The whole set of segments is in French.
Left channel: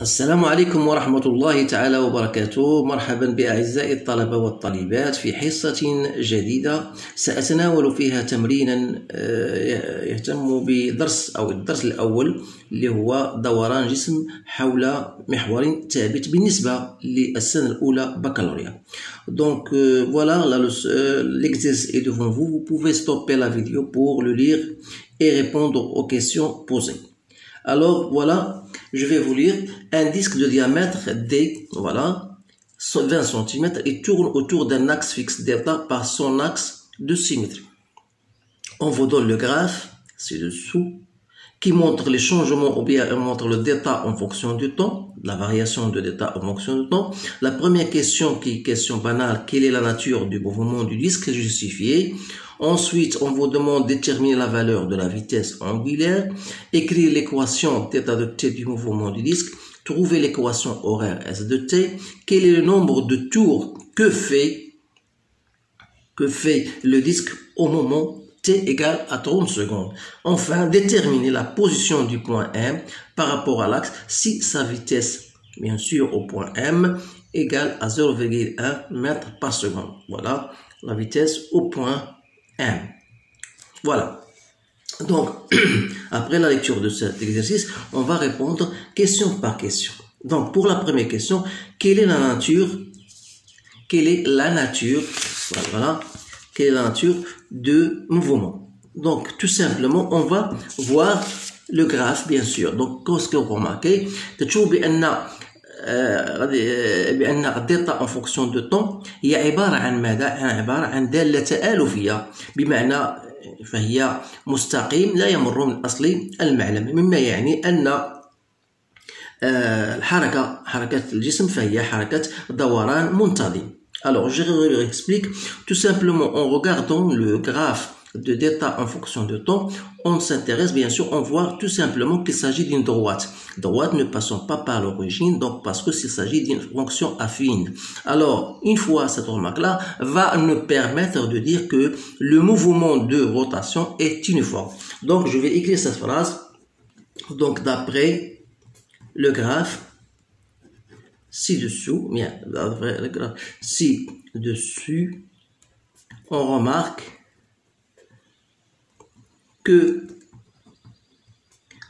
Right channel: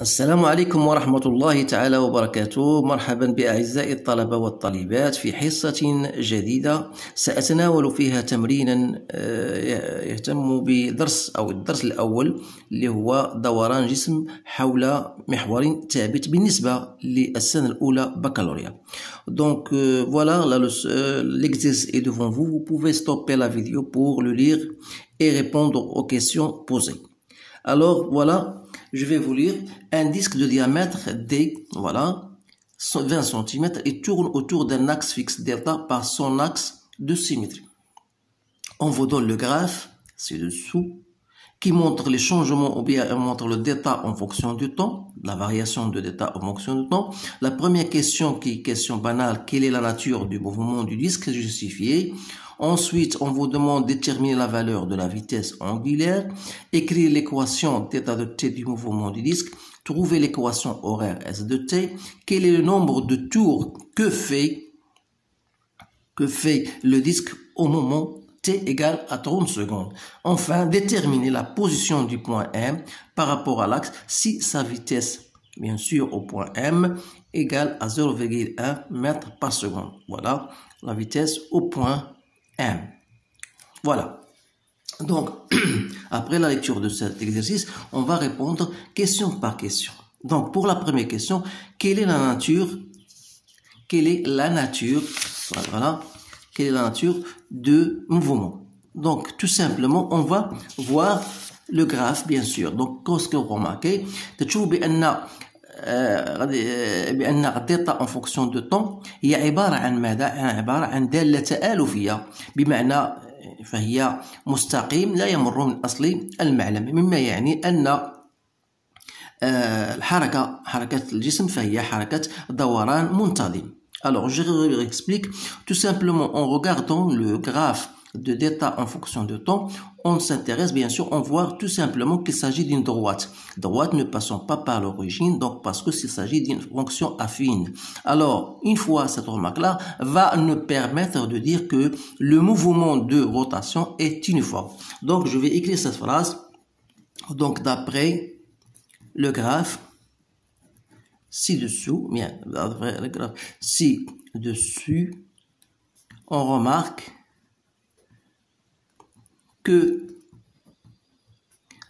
السلام عليكم ورحمة الله تعالى وبركاته. مرحبا بأعزائي الطلبة والطالبات في حصة جديدة سأتناول فيها تمرينا يهتم بدرس أو الدرس الأول اللي هو دوران جسم حول محور ثابت بالنسبة للسنة الأولى بكالوريا. Donc voilà, l'exercice est devant vous. Vous pouvez stopper la vidéo pour le lire et répondre aux questions posées. Alors voilà, je vais vous lire un disque de diamètre D, voilà, 20 cm et tourne autour d'un axe fixe delta par son axe de symétrie. On vous donne le graphe ci-dessous qui montre les changements ou bien montre le delta en fonction du temps, la variation de delta en fonction du temps. La première question qui est question banale, quelle est la nature du mouvement du disque justifié? Ensuite, on vous demande de déterminer la valeur de la vitesse angulaire, écrire l'équation θ de t du mouvement du disque, trouver l'équation horaire S de t, quel est le nombre de tours que fait le disque au moment t égale à 30 secondes. Enfin, déterminer la position du point M par rapport à l'axe si sa vitesse, bien sûr, au point M égale à 0,1 mètre par seconde. Voilà la vitesse au point M. Voilà. Donc, après la lecture de cet exercice, on va répondre question par question. Donc, pour la première question, quelle est la nature de mouvement? Donc, tout simplement, on va voir le graphe, bien sûr. Donc, qu'est-ce que vous remarquez? بأن الدلتا en fonction de temps هي عبارة عن ماذا؟ عبارة عن دالة تآلفية، بمعنى فهي مستقيم لا يمر من أصل المعلم، مما يعني أن حركة الجسم فهي حركة دوران منتظم. Alors, je réexplique tout simplement en regardant le graphe de delta en fonction de temps, on s'intéresse bien sûr, on voit tout simplement qu'il s'agit d'une droite ne passant pas par l'origine, donc parce que s'il s'agit d'une fonction affine. Alors, une fois cette remarque-là va nous permettre de dire que le mouvement de rotation est uniforme. Donc, je vais écrire cette phrase. Donc, d'après le graphe ci-dessous, on remarque que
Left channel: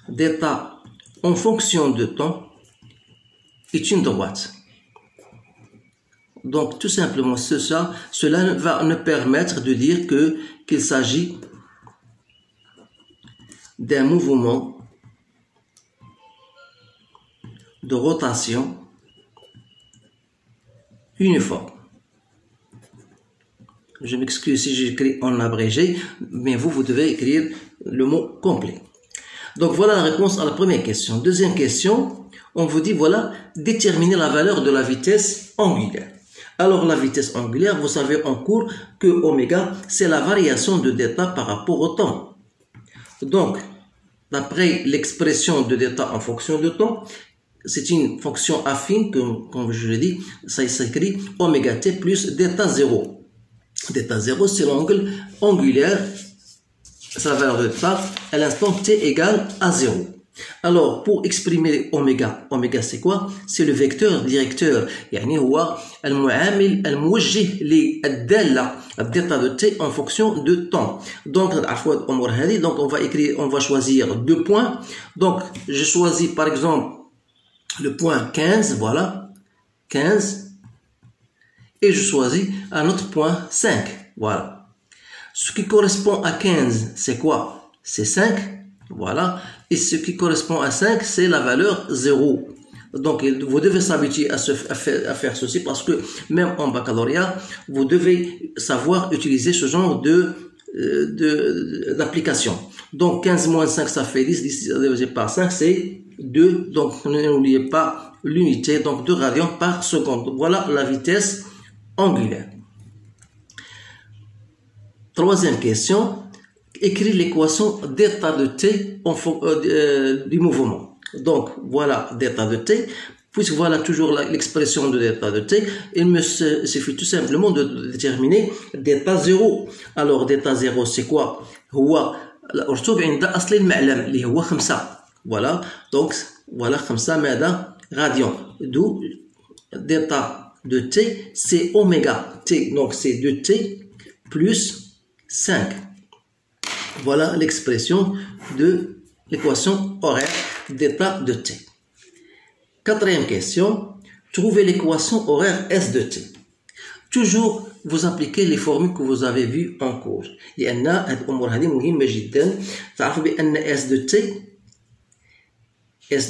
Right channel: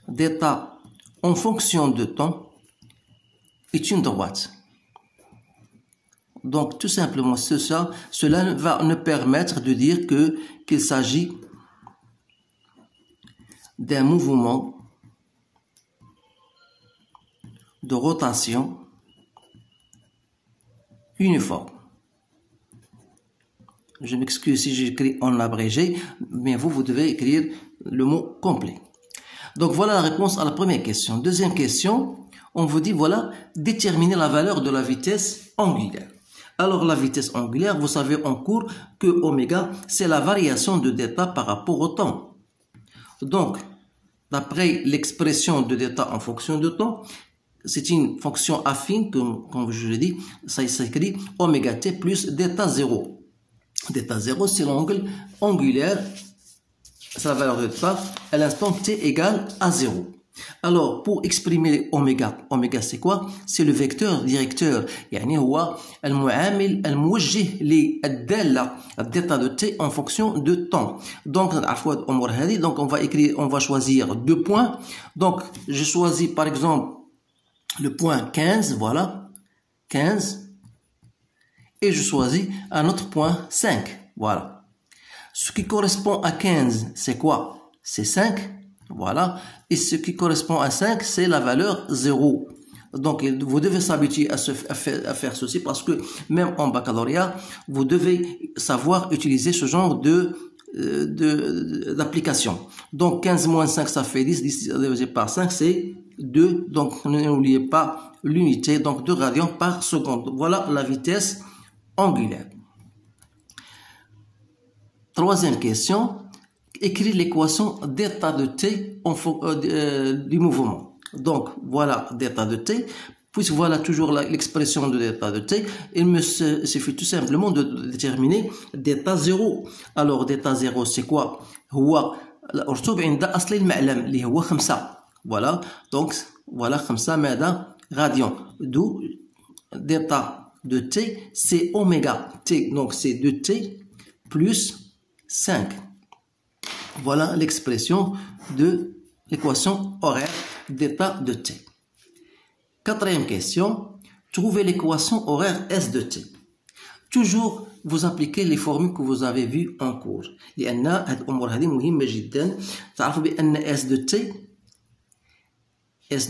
delta en fonction de temps est une droite. Donc tout simplement cela va nous permettre de dire qu'il s'agit d'un mouvement de rotation uniforme. Je m'excuse si j'écris en abrégé, mais vous devez écrire le mot complet. Donc voilà la réponse à la première question. Deuxième question, on vous dit voilà, déterminer la valeur de la vitesse angulaire. Alors la vitesse angulaire, vous savez en cours que oméga, c'est la variation de delta par rapport au temps. Donc, d'après l'expression de delta en fonction de temps, c'est une fonction affine, comme je l'ai dit, ça s'écrit oméga t plus delta 0. Delta 0, c'est l'angle angulaire, c'est la valeur de delta à l'instant t égale à 0. Alors, pour exprimer oméga c'est quoi? C'est le vecteur directeur, يعني هو المعامل الموجه للدالة الدلتا de t en fonction de temps. Donc, on va choisir deux points. Donc, je choisis par exemple le point 15, voilà, 15. Et je choisis un autre point 5, voilà. Ce qui correspond à 15, c'est quoi? C'est 5, voilà. Et ce qui correspond à 5, c'est la valeur 0. Donc, vous devez s'habituer à faire ceci parce que même en baccalauréat, vous devez savoir utiliser ce genre d'application. Donc, 15 moins 5, ça fait 10. 10 divisé par 5, c'est 2. Donc, n'oubliez pas l'unité, donc 2 radians par seconde. Voilà la vitesse angulaire. Troisième question, écrire l'équation delta de t du mouvement. Donc voilà delta de t, puisque voilà toujours l'expression de delta de t, il me suffit tout simplement de déterminer delta 0. Alors delta 0 c'est quoi? هو الرسوب عند أصل المعلم اللي هو 5. Voilà, donc voilà, comme ça, ماذا radian. D'où delta de t, c'est oméga t. Donc, c'est 2t plus 5. Voilà l'expression de l'équation horaire d'état de t. Quatrième question, trouvez l'équation horaire S de t. Toujours vous appliquez les formules que vous avez vues en cours. لأن هذه الأمور هذه مهمة جدا. تعرفوا بأن S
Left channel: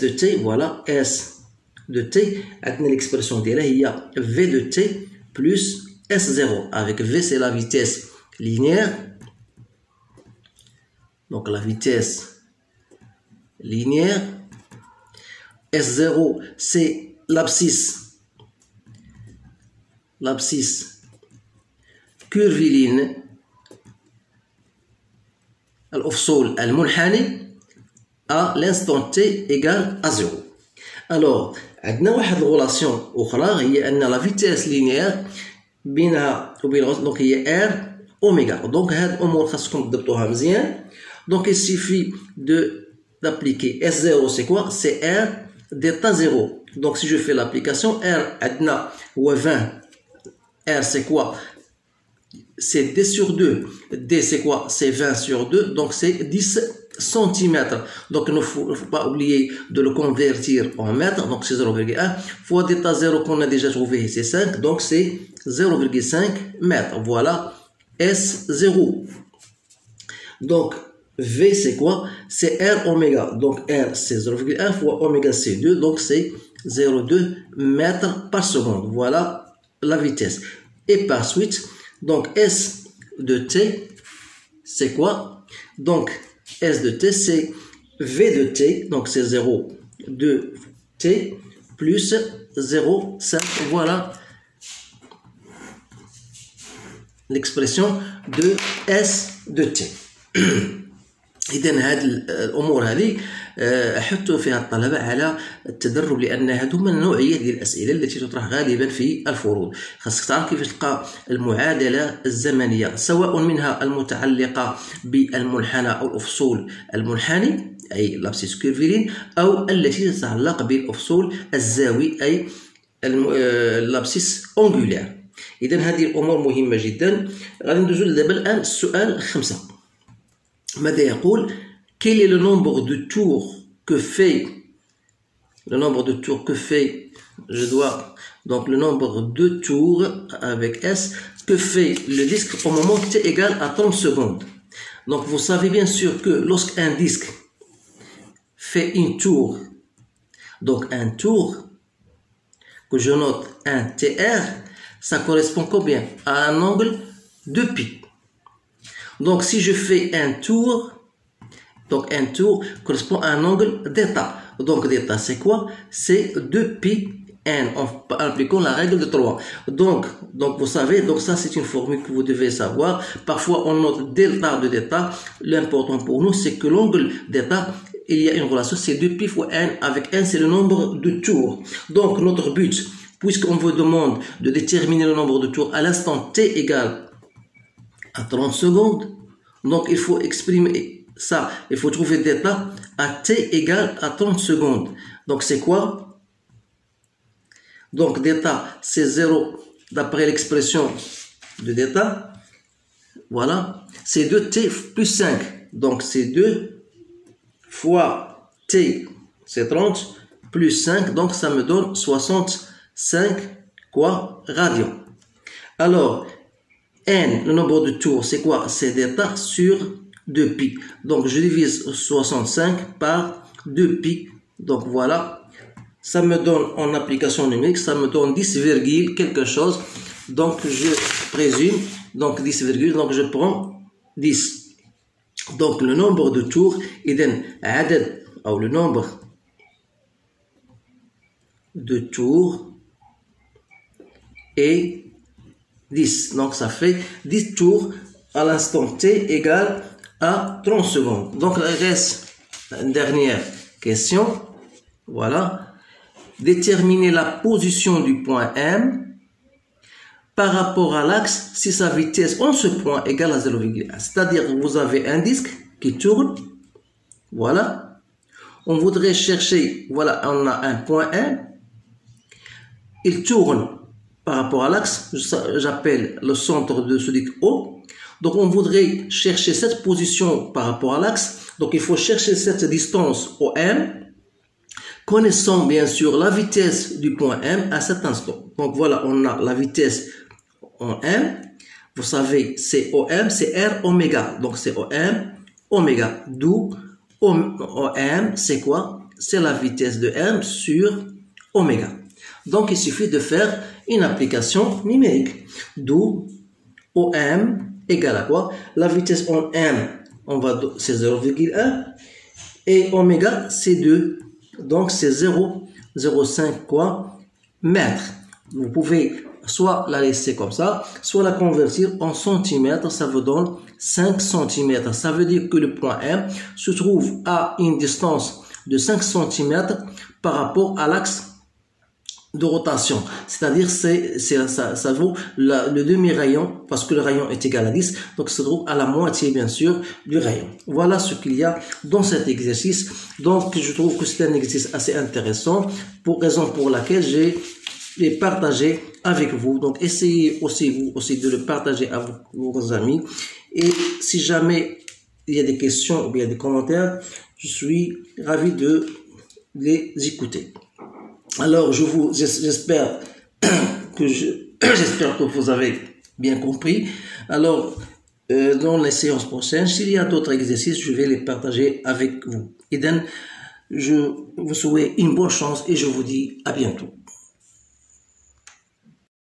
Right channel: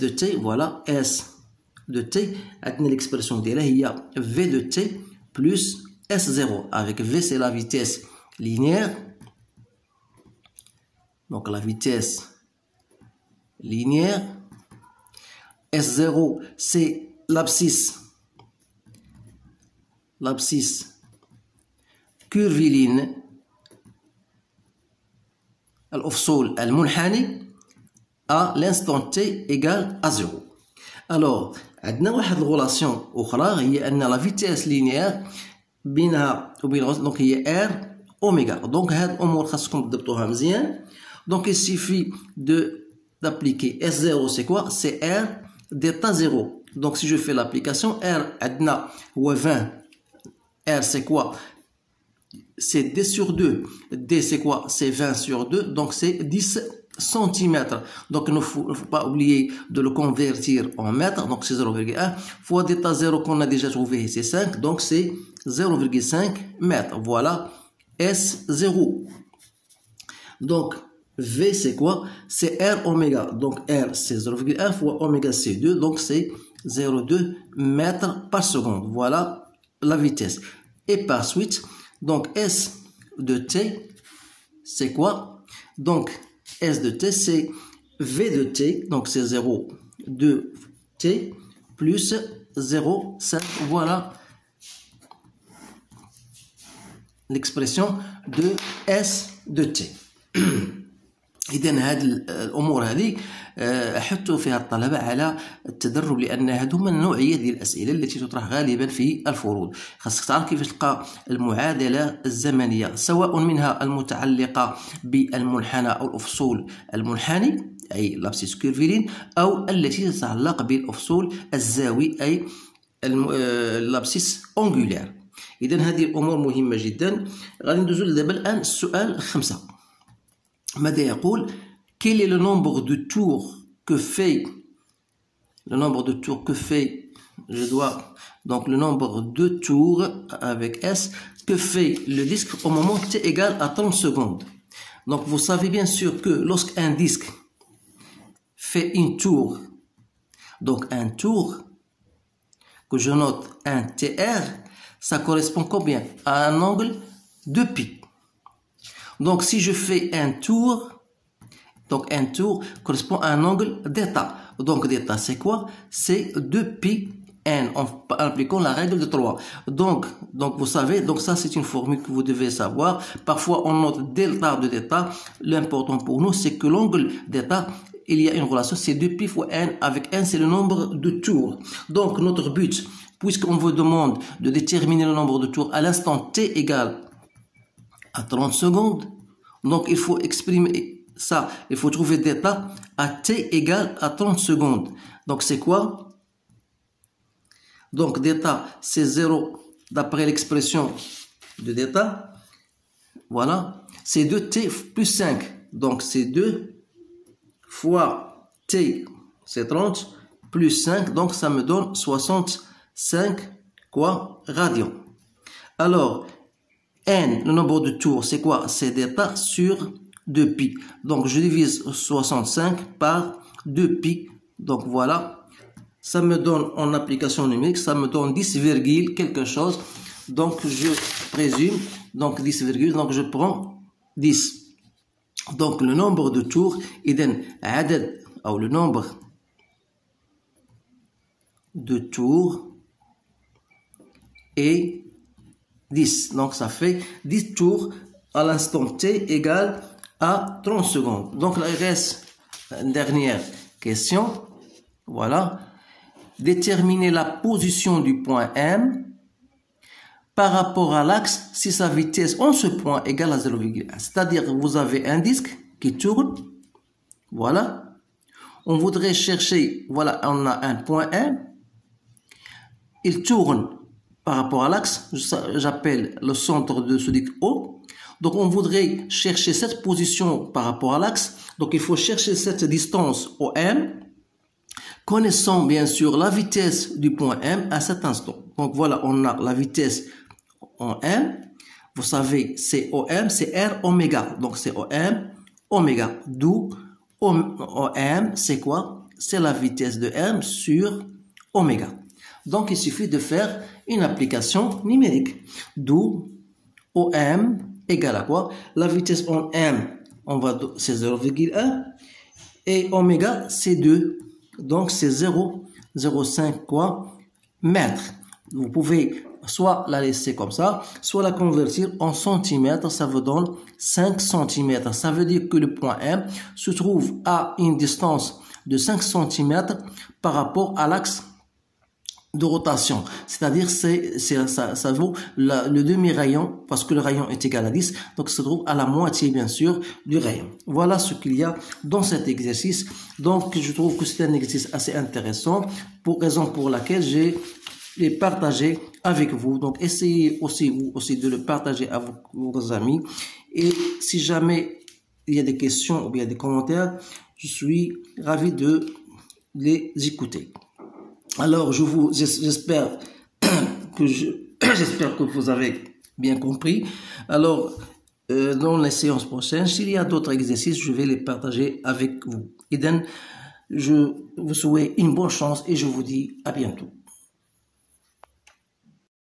de t, voilà, S de t, عندنا l'expression ديالها هي V de t plus S0. Avec V, c'est la vitesse linéaire. Donc la vitesse linéaire. S0, c'est l'abscisse curviligne الأفصول المنحني à l'instant t égale à 0. Alors, عندنا واحد الغولاسيون أخرى هي أن la vitesse linéaire بينها وبين donc هي R oméga. Donc هاد الأمور خاصكم تضبطوها مزيان. Donc il suffit d'appliquer S0, c'est quoi? C'est R d'état 0. Donc si je fais l'application, R عندنا هو 20. R c'est quoi? C'est D sur 2. D c'est quoi? C'est 20 sur 2. Donc c'est 10 cm. Donc il ne faut pas oublier de le convertir en mètres. Donc c'est 0,1 fois d'état 0 qu'on a déjà trouvé, c'est 5. Donc c'est 0,5 mètres. Voilà S0. Donc V c'est quoi? C'est R oméga. Donc R c'est 0,1 fois oméga c'est 2. Donc c'est 0,2 mètres par seconde. Voilà la vitesse. Et par suite, donc S de t, c'est quoi? Donc S de t, c'est V de t, donc c'est 0,2 t plus 0,5. Voilà l'expression de S de t. إذن هذه الأمور هذه أحث فيها الطلبة على التدرب لأن هذو من النوعية ديال الأسئلة التي تطرح غالبا في الفروض. خاصك تعرف كيفاش تلقى المعادلة الزمنية سواء منها المتعلقة بالمنحنى أو الأفصول المنحني أي لابسيس كيرفيلين أو التي تتعلق بالأفصول الزاوي أي لابسيس أونغولير. إذن هذه الأمور مهمة جدا. غادي ندوزو دابا الآن السؤال 5. ماذا يقول quel est le nombre de tours que fait je dois donc le nombre de tours avec S que fait le disque au moment t égale à 30 secondes. Donc vous savez bien sûr que lorsqu'un disque fait une tour, donc un tour que je note un TR, ça correspond combien? À un angle de pi. Donc si je fais un tour, donc un tour correspond à un angle d'état. Donc d'état c'est quoi? C'est 2pi n en appliquant la règle de 3. Donc vous savez, donc ça c'est une formule que vous devez savoir. Parfois on note delta de d'état. L'important pour nous c'est que l'angle d'état, il y a une relation, c'est 2pi fois n, avec n c'est le nombre de tours. Donc notre but, puisqu'on vous demande de déterminer le nombre de tours à l'instant t égale à 30 secondes, donc il faut exprimer ça, il faut trouver d'état à t égale à 30 secondes. Donc c'est quoi? Donc d'état c'est 0 d'après l'expression de d'état, voilà, c'est 2t plus 5, donc c'est 2 fois t c'est 30 plus 5, donc ça me donne 65 quoi radians. Alors n, le nombre de tours, c'est quoi? C'est d'état sur 2pi. Donc je divise 65 par 2pi. Donc voilà, ça me donne en application numérique, ça me donne 10, quelque chose. Donc je présume, donc 10, donc je prends 10. Donc le nombre de tours, إذن عدد أو le nombre de tours est 10. Donc ça fait 10 tours à l'instant t égale à 30 secondes. Donc il reste une dernière question. Voilà. Déterminer la position du point M par rapport à l'axe si sa vitesse en ce point égale à 0,1. C'est-à-dire que vous avez un disque qui tourne. Voilà. on voudrait chercher, voilà, on a un point M, il tourne par rapport à l'axe, j'appelle le centre de ce disque O. Donc on voudrait chercher cette position par rapport à l'axe, donc il faut chercher cette distance OM, connaissant bien sûr la vitesse du point M à cet instant. Donc voilà, on a la vitesse en M, vous savez c'est OM, c'est R oméga, donc c'est OM oméga, d'où OM c'est quoi? C'est la vitesse de M sur oméga. Donc il suffit de faire une application numérique, d'où OM égale à quoi? La vitesse en M, c'est 0,1 et oméga c'est 2, donc c'est 0,05 quoi? Mètres. Vous pouvez soit la laisser comme ça, soit la convertir en centimètres, ça vous donne 5 cm. Ça veut dire que le point M se trouve à une distance de 5 cm par rapport à l'axe de rotation, c'est-à-dire ça vaut le demi-rayon, parce que le rayon est égal à 10, donc ça se trouve à la moitié bien sûr du rayon. Voilà ce qu'il y a dans cet exercice. Donc je trouve que c'est un exercice assez intéressant, pour raison pour laquelle j'ai partagé avec vous. Donc essayez aussi vous aussi de le partager à vos amis, et si jamais il y a des questions ou bien des commentaires, je suis ravi de les écouter. Alors, j'espère que vous avez bien compris. Alors, dans les séances prochaines, s'il y a d'autres exercices, je vais les partager avec vous. Et je vous souhaite une bonne chance et je vous dis à bientôt.